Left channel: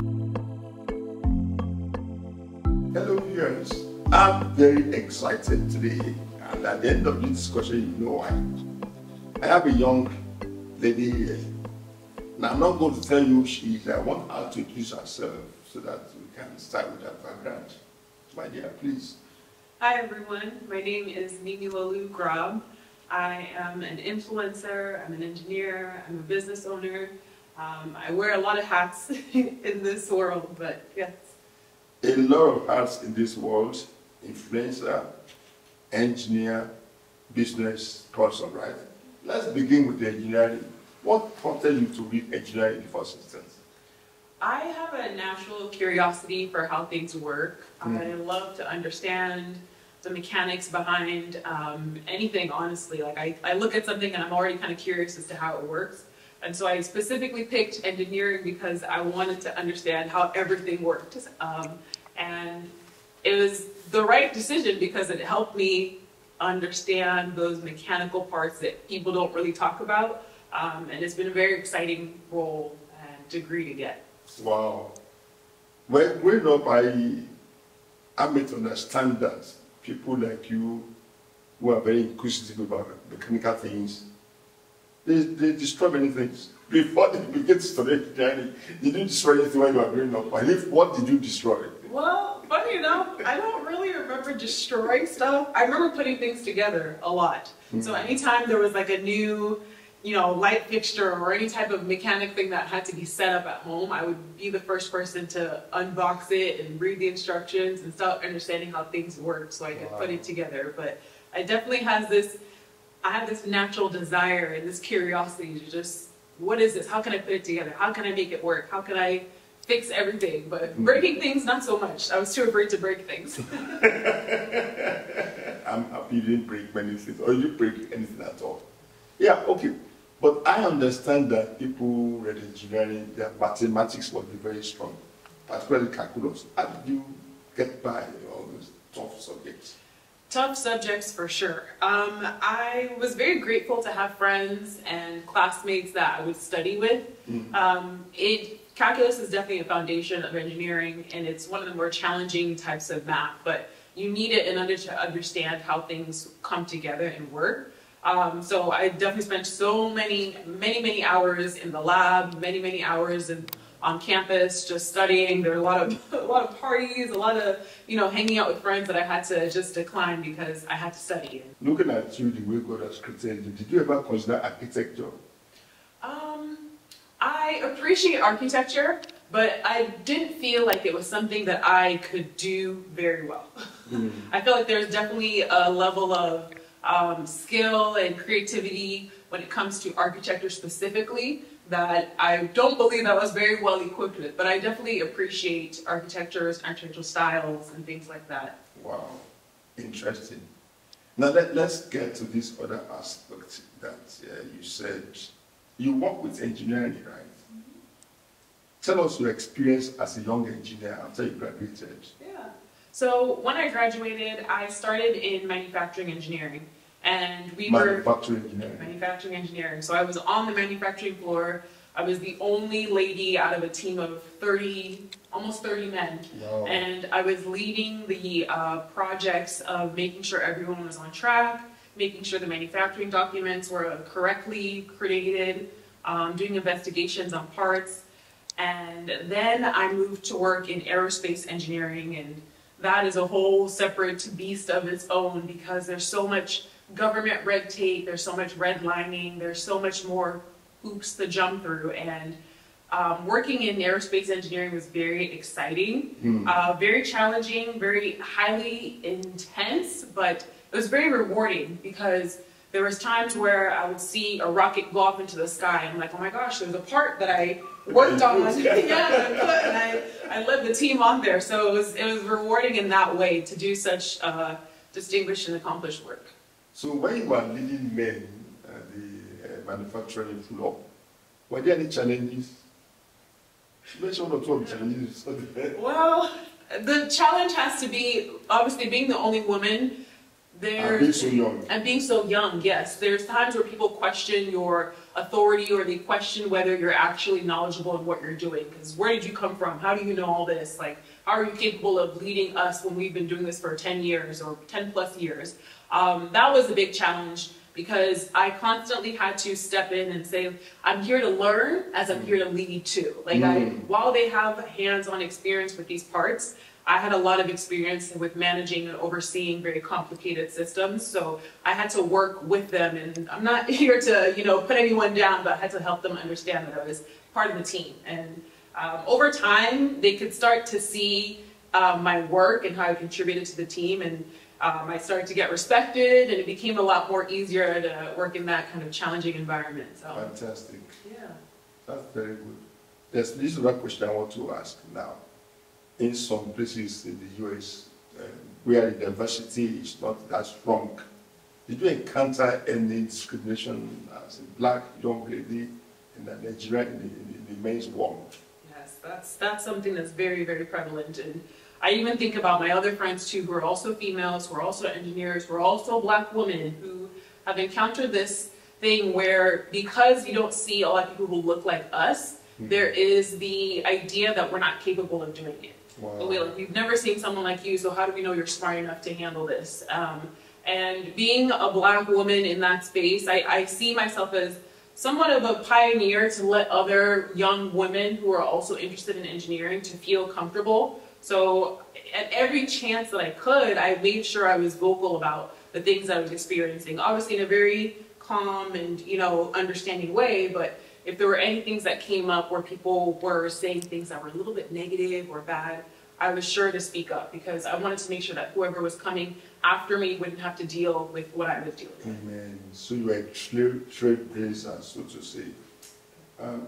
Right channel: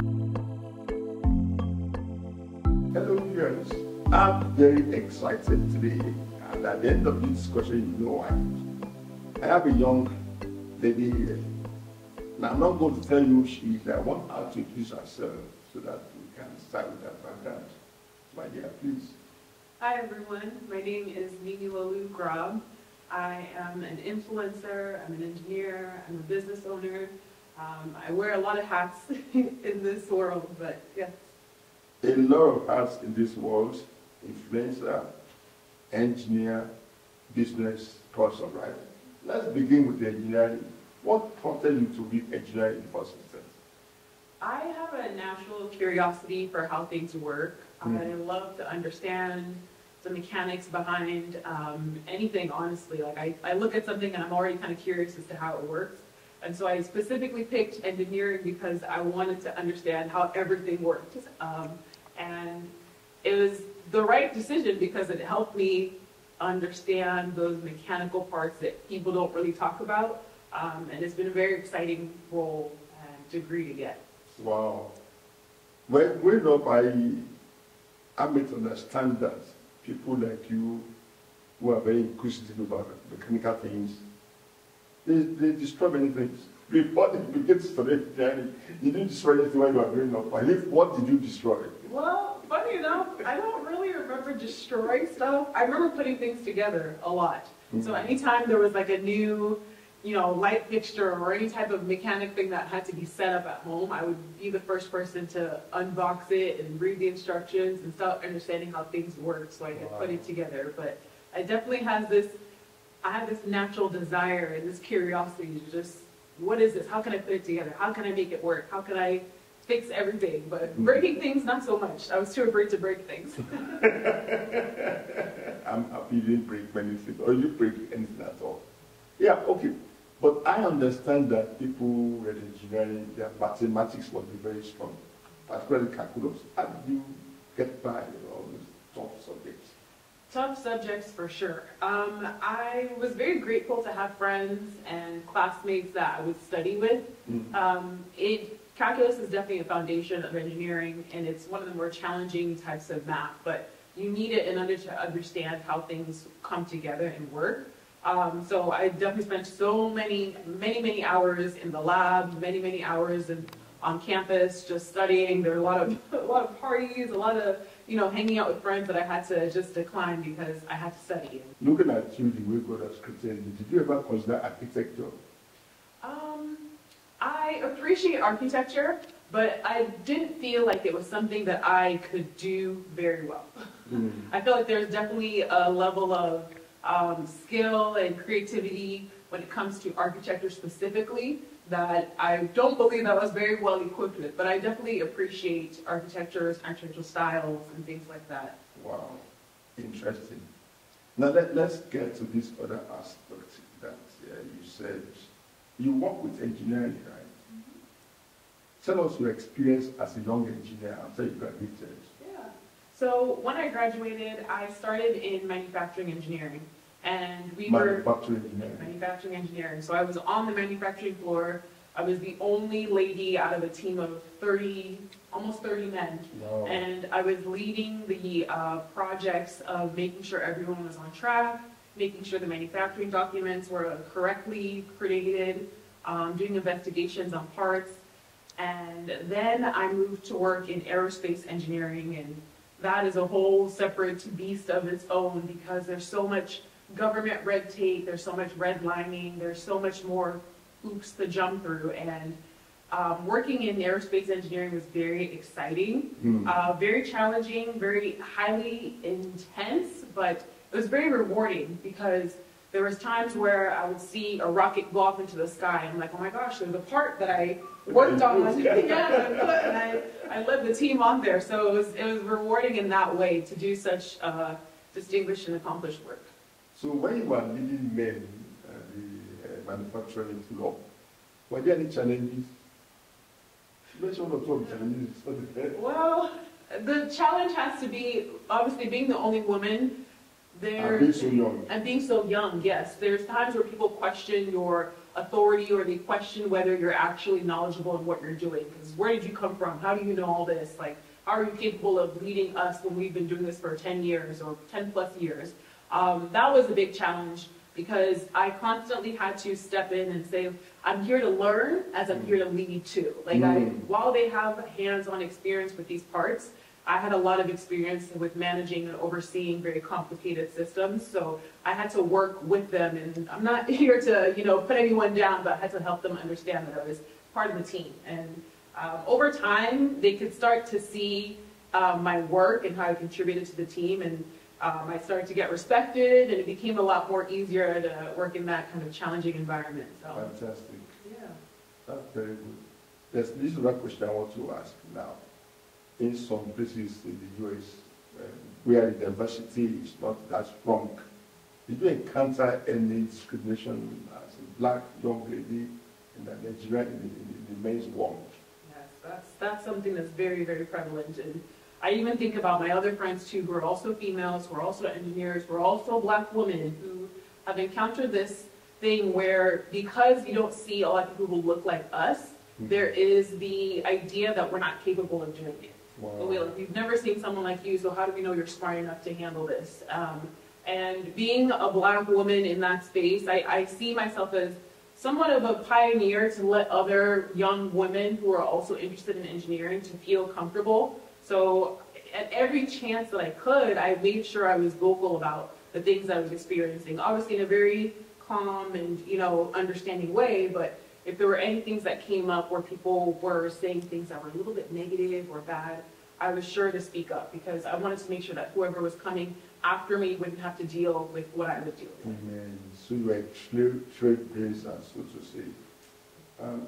Hello viewers, I'm very excited today, and at the end of this discussion, you know why. I have a young lady here. Now I'm not going to tell you who she is. I want her to introduce herself so that we can start with her background. My dear, please. Hi everyone, my name is Mimilolu Grob. I am an influencer, I'm an engineer, I'm a business owner. I wear a lot of hats in this world, but yes. A lot of hats in this world: influencer, engineer, business person, right? Let's begin with the engineering. What prompted you to read engineering in the first instance? I have a natural curiosity for how things work. I love to understand the mechanics behind anything, honestly. Like I look at something and I'm already kind of curious as to how it works. And so I specifically picked engineering because I wanted to understand how everything worked. And it was the right decision because it helped me understand those mechanical parts that people don't really talk about. And it's been a very exciting role and degree to get. Wow. Well, growing up, I made to understand that people like you who are very inquisitive about mechanical things, they destroy many things. Before they begin to study engineering, did you destroy anything when you were growing up? And if, what did you destroy? Well, funny enough, I don't really remember destroying stuff. I remember putting things together a lot. So anytime there was like a new, light fixture or any type of mechanic thing that had to be set up at home, I would be the first person to unbox it and read the instructions and start understanding how things work so I could put it together. But I definitely have this natural desire and this curiosity to just, what is this? How can I put it together? How can I make it work? How can I fix everything? But breaking things, not so much. I was too afraid to break things. I'm happy you didn't break many things, or you didn't break anything at all. Yeah, okay. But I understand that people who read engineering, their mathematics must be very strong, particularly calculus. How did you get by all those tough subjects? Tough subjects for sure. I was very grateful to have friends and classmates that I would study with. Calculus is definitely a foundation of engineering, and it's one of the more challenging types of math, but you need it in order to understand how things come together and work. So I definitely spent so many hours in the lab, many hours on campus just studying. There were a lot of parties, a lot of hanging out with friends that I had to just decline because I had to study. Looking at you, the way God has created you, did you ever consider architecture? I appreciate architecture, but I didn't feel like it was something that I could do very well. I feel like there's definitely a level of skill and creativity when it comes to architecture specifically that I don't believe I was very well equipped with, but I definitely appreciate architectural styles and things like that. Wow, interesting. Now let's get to this other aspect that you said. You work with engineering, right? Tell us your experience as a young engineer after you graduated. Yeah. So when I graduated, I started in manufacturing engineering. And manufacturing engineering. So I was on the manufacturing floor. I was the only lady out of a team of almost 30 men. Wow. And I was leading the projects of making sure everyone was on track, making sure the manufacturing documents were correctly created, doing investigations on parts. And then I moved to work in aerospace engineering, and that is a whole separate beast of its own because there's so much government red tape, there's so much redlining, there's so much more hoops to jump through, and working in aerospace engineering was very exciting, very challenging, very highly intense, but it was very rewarding because there was times where I would see a rocket go off into the sky and I'm like, oh my gosh, there's a part that I worked on, and I led the team on there, so it was rewarding in that way to do such distinguished and accomplished work. So when you were leading men at the manufacturing floor, were there any challenges? Mention one or two of the challenges. Well, the challenge has to be, obviously being the only woman, And being so young. And being so young, yes. There's times where people question your authority, or they question whether you're actually knowledgeable in what you're doing. Because where did you come from? How do you know all this? Like, how are you capable of leading us when we've been doing this for 10 years or 10 plus years? That was a big challenge, because I constantly had to step in and say, I'm here to learn as I'm here to lead too. Like, while they have hands-on experience with these parts, I had a lot of experience with managing and overseeing very complicated systems, so I had to work with them, and I'm not here to, put anyone down, but I had to help them understand that I was part of the team. And over time, they could start to see my work and how I contributed to the team, and I started to get respected, and it became a lot more easier to work in that kind of challenging environment. So. Fantastic. Yeah. That's very good. This is one question I want to ask now. In some places in the US, where the diversity is not that strong, did you encounter any discrimination as a black young lady in Nigeria in the men's world? Yes, that's something that's very, very prevalent. And I even think about my other friends too, who are also females, who are also engineers, who are also black women, who have encountered this thing where, because you don't see a lot of people who look like us, there is the idea that we're not capable of doing it. Wow. We've never seen someone like you, so how do we know you're smart enough to handle this? And being a black woman in that space, I see myself as somewhat of a pioneer to let other young women who are also interested in engineering to feel comfortable. So at every chance that I could, I made sure I was vocal about the things I was experiencing, obviously in a very calm and, understanding way, but if there were any things that came up where people were saying things that were a little bit negative or bad, I was sure to speak up, because I wanted to make sure that whoever was coming after me wouldn't have to deal with what I was dealing with. Amen. So you are trailblazer, so to say.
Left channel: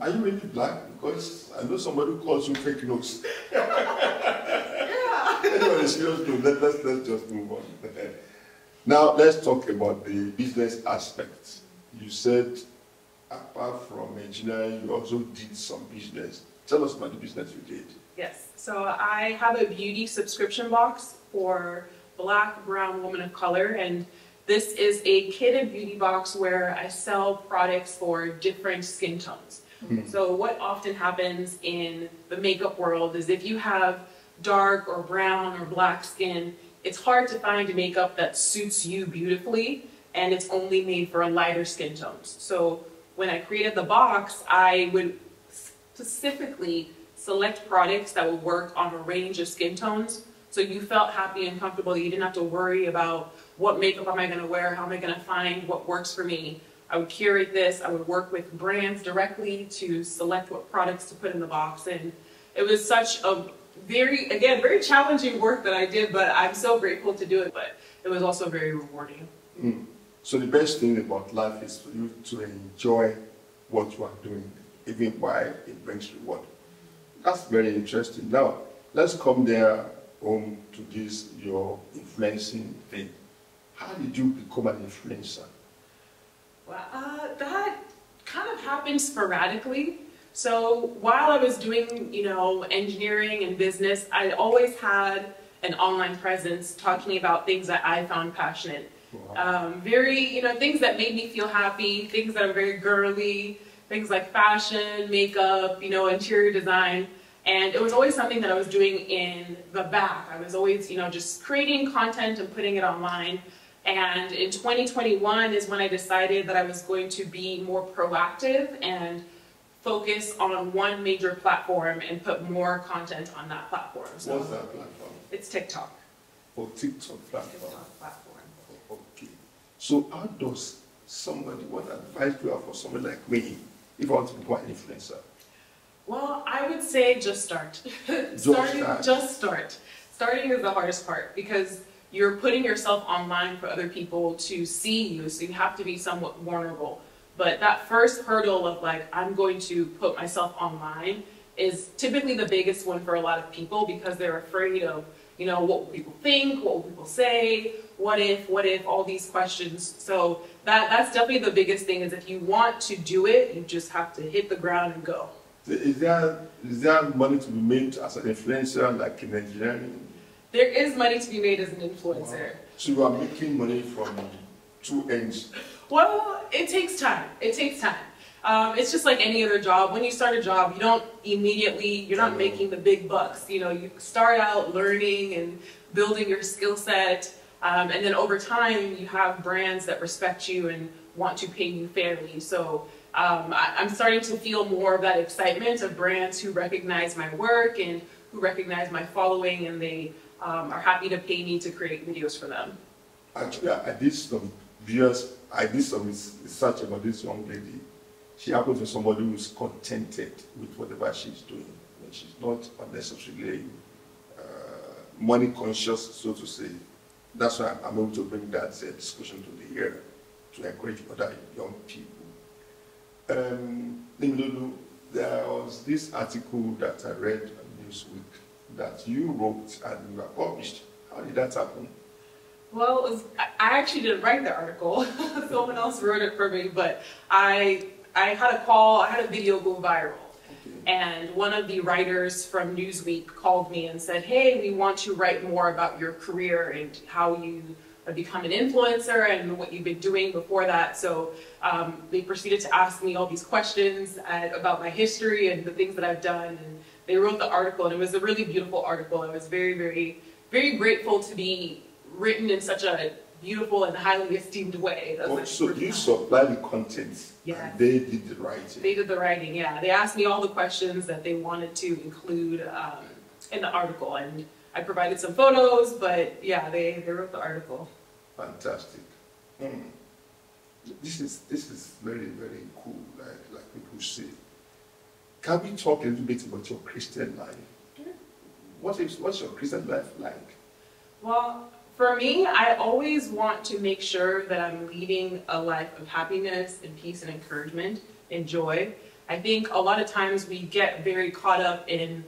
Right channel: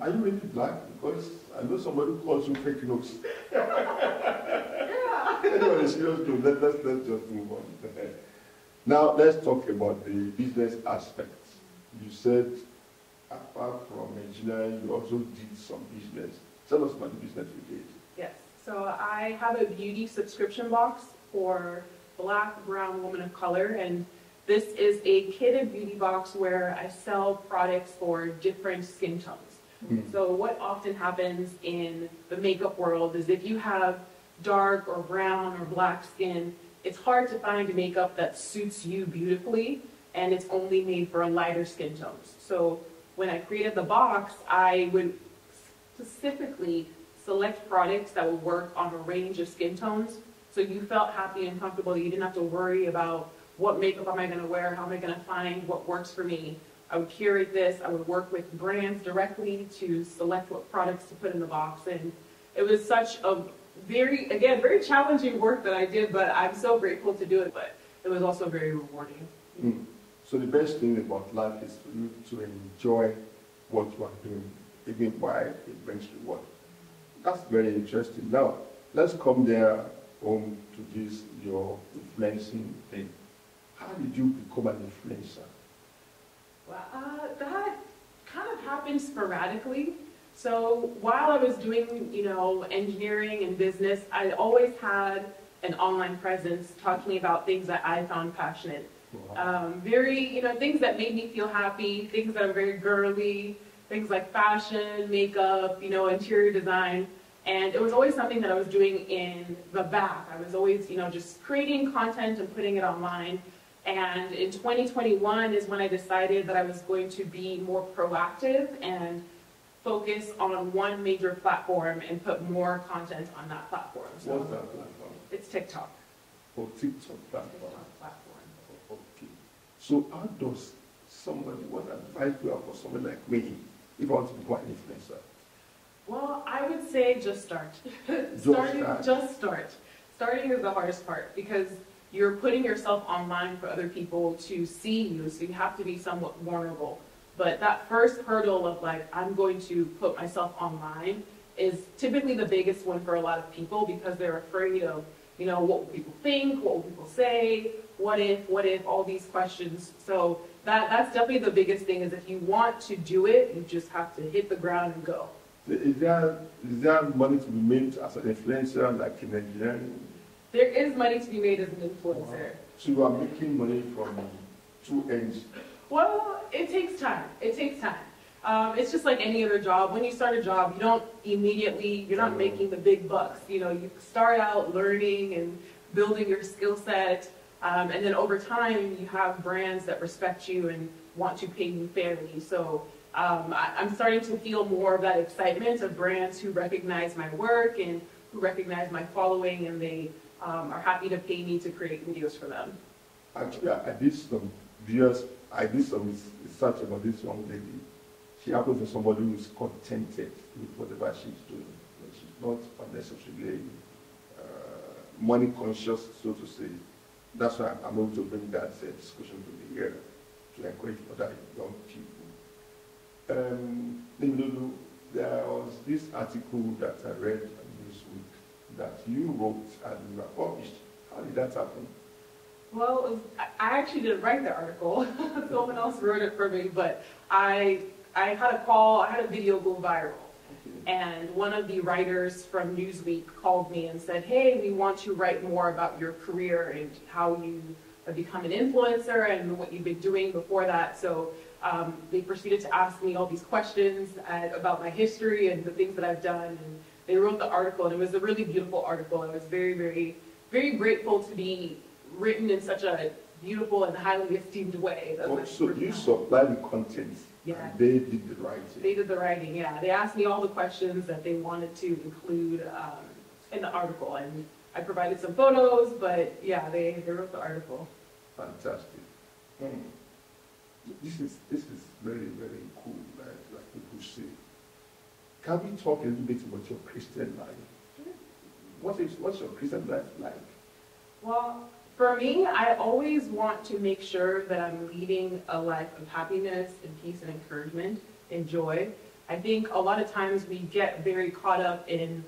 Are you really black? Because I know somebody who calls you fake news. Yeah. Anyway, serious note, let's just move on. Now, let's talk about the business aspects. You said, apart from engineering, you also did some business. Tell us about the business you did. Yes. So I have a beauty subscription box for Black, brown, women of color, and this is a kitted beauty box where I sell products for different skin tones. So what often happens in the makeup world is if you have dark or brown or black skin, it's hard to find makeup that suits you beautifully, and it's only made for lighter skin tones. So when I created the box, I would specifically select products that would work on a range of skin tones, so you felt happy and comfortable. You didn't have to worry about what makeup am I going to wear, how am I going to find what works for me. I would curate this, I would work with brands directly to select what products to put in the box, and it was such a very challenging work that I did, but I'm so grateful to do it, but it was also very rewarding. So the best thing about life is for you to enjoy what you are doing, even while it brings reward. That's very interesting. Now, let's come there home to this, your influencing thing. How did you become an influencer? Well, that kind of happened sporadically. So while I was doing, engineering and business, I always had an online presence talking about things that I found passionate. Wow. Things that made me feel happy, things that are very girly, things like fashion, makeup, interior design. And it was always something that I was doing in the back. I was always, just creating content and putting it online. And in 2021 is when I decided that I was going to be more proactive and focus on one major platform and put more content on that platform. So what's that platform? It's TikTok. Oh, TikTok platform. TikTok platform. Okay. So how does what advice do you have for someone like me if I want to become an influencer? Well, I would say just start. Just start. Starting is the hardest part, because you're putting yourself online for other people to see you, so you have to be somewhat vulnerable. But that first hurdle of I'm going to put myself online is typically the biggest one for a lot of people, because they're afraid of, what will people think, what will people say, what if, all these questions. So that's definitely the biggest thing, is if you want to do it, you just have to hit the ground and go. Is there money to be made as an influencer, like in engineering? There is money to be made as an influencer. Wow. So you are making money from two ends? Well, it takes time. It takes time. It's just like any other job. When you start a job, you don't immediately, you're not making the big bucks. You know, you start out learning and building your skill set. And then over time, you have brands that respect you and want to pay you fairly. So I'm starting to feel more of that excitement of brands who recognize my work and who recognize my following, and they are happy to pay me to create videos for them. Actually, I did some research about this young lady. She happens to be somebody who's contented with whatever she's doing. She's not unnecessarily money conscious, so to say. That's why I'm able to bring that discussion to the here to encourage other young people. There was this article that I read on Newsweek that you wrote and you were published. How did that happen? Well, I actually didn't write the article. Someone else wrote it for me, but I had a call, I had a video go viral. And one of the writers from Newsweek called me and said, hey, we want to write more about your career and how you have become an influencer and what you've been doing before that. So they proceeded to ask me all these questions about my history and the things that I've done. And they wrote the article, and it was a really beautiful article. I was very, very, very grateful to be written in such a beautiful and highly esteemed way. So you supply the content, yeah. And they did the writing. They did the writing, yeah. They asked me all the questions that they wanted to include in the article, and I provided some photos, but yeah, they wrote the article. Fantastic. This is very, very cool, like people say. Can we talk a little bit about your Christian life? Sure. What's your Christian life like? Well, for me, I always want to make sure that I'm leading a life of happiness and peace and encouragement and joy. I think a lot of times we get very caught up in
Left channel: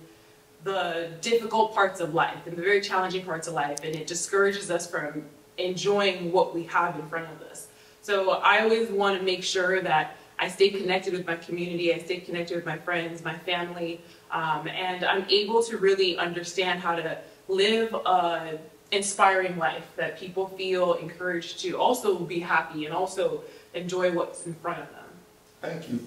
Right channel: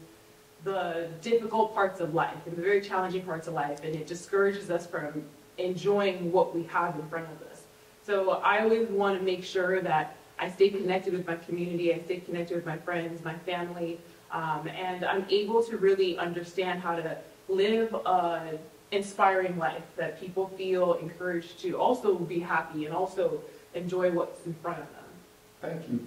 the difficult parts of life and the very challenging parts of life, and it discourages us from enjoying what we have in front of us. So I always want to make sure that I stay connected with my community, I stay connected with my friends, my family, and I'm able to really understand how to live an inspiring life that people feel encouraged to also be happy and also enjoy what's in front of them. Thank you.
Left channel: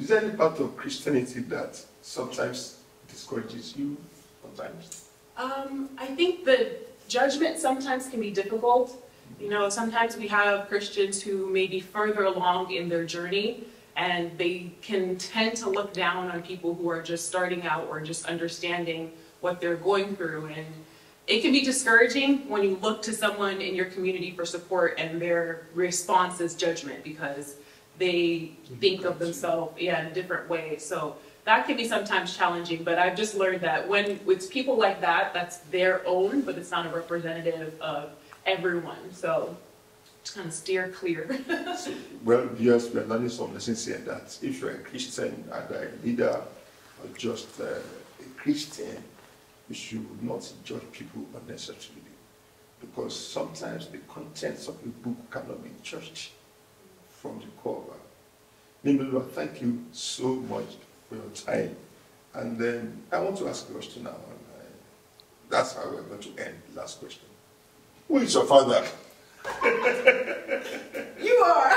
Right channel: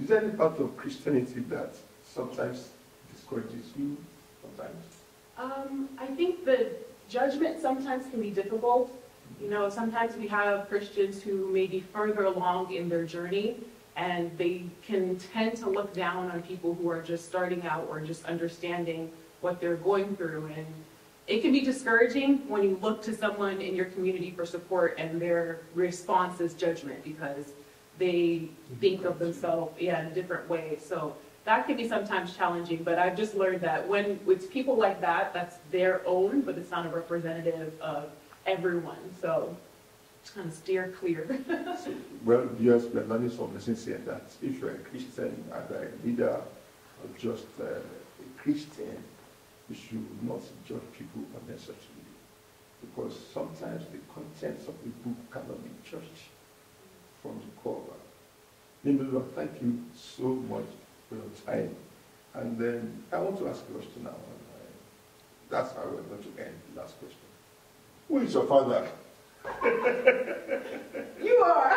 Is there any part of Christianity that sometimes discourages you? Sometimes? I think the judgment sometimes can be difficult. You know, sometimes we have Christians who may be further along in their journey, and they can tend to look down on people who are just starting out or just understanding what they're going through. And it can be discouraging when you look to someone in your community for support and their response is judgment because they think of themselves in a different way. So that can be sometimes challenging, but I've just learned that when it's people like that, that's their own, but it's not a representative of everyone. So just kind of steer clear. Well, yes, we're learning some lessons here that if you're a Christian, either a leader or just a Christian, you should not judge people unnecessarily, because sometimes the contents of the book cannot be judged from the cover. Nimelu, thank you so much for your time. And then I want to ask a question now. That's how we're going to end the last question. Who is your father? You are.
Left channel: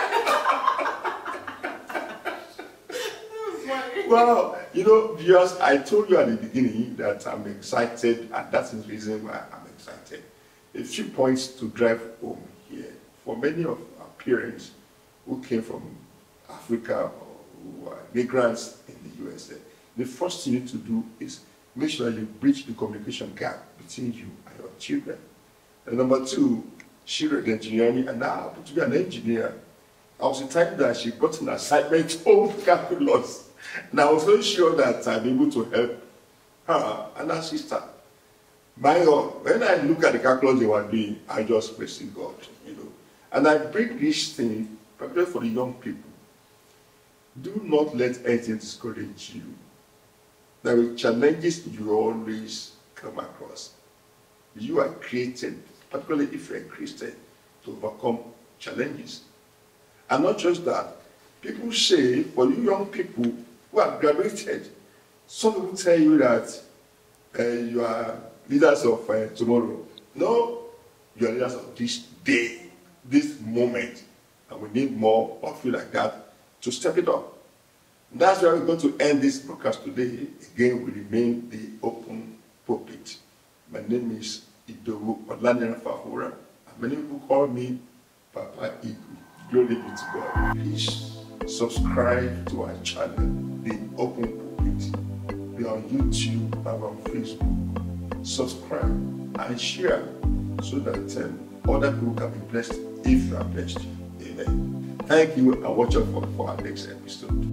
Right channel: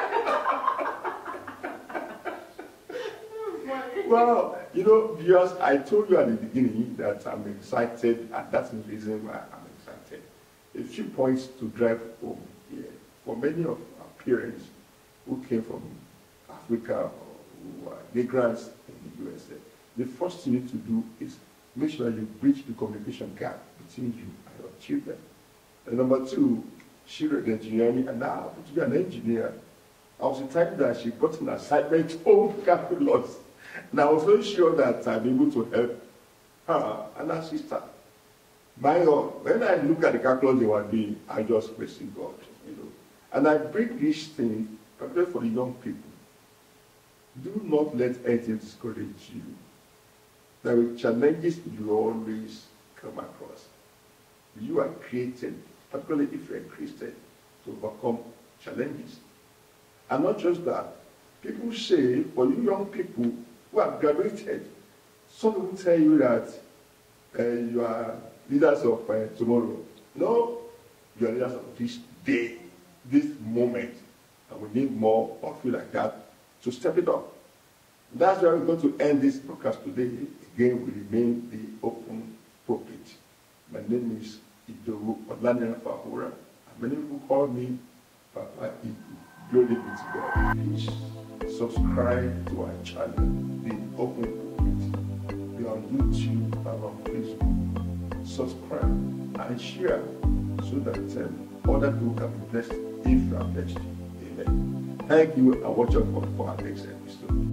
Well, you know, because I told you at the beginning that I'm excited, and that's the reason why I'm excited. A few points to drive home here. For many of our parents who came from Africa or who are migrants in the USA, the first thing you need to do is make sure you bridge the communication gap between you and your children. And number two, she read engineering and now happened to be an engineer. I was the type that she got an assignment home calculus. And I was very sure that I'm able to help her and her sister. My God, when I look at the calculus they were doing, I just praising God, you know. And I bring this thing, particularly for the young people. Do not let anything discourage you. There are challenges you always come across. You are created, particularly if you're a Christian, to overcome challenges. And not just that, people say, for you young people who have graduated, some people tell you that you are leaders of tomorrow. No, you are leaders of this day, this moment, and we need more of you like that to step it up. That's why we're going to end this broadcast today. Again, we remain the open pulpit. My name is Idowu Olanira Fahura. Many people call me Papa Igu. Glory be to God. Please subscribe to our channel, The Open Pulpit. Be on YouTube and on Facebook. Subscribe and share so that other people can be blessed if you are blessed. Amen. Thank you and watch out for our next episode.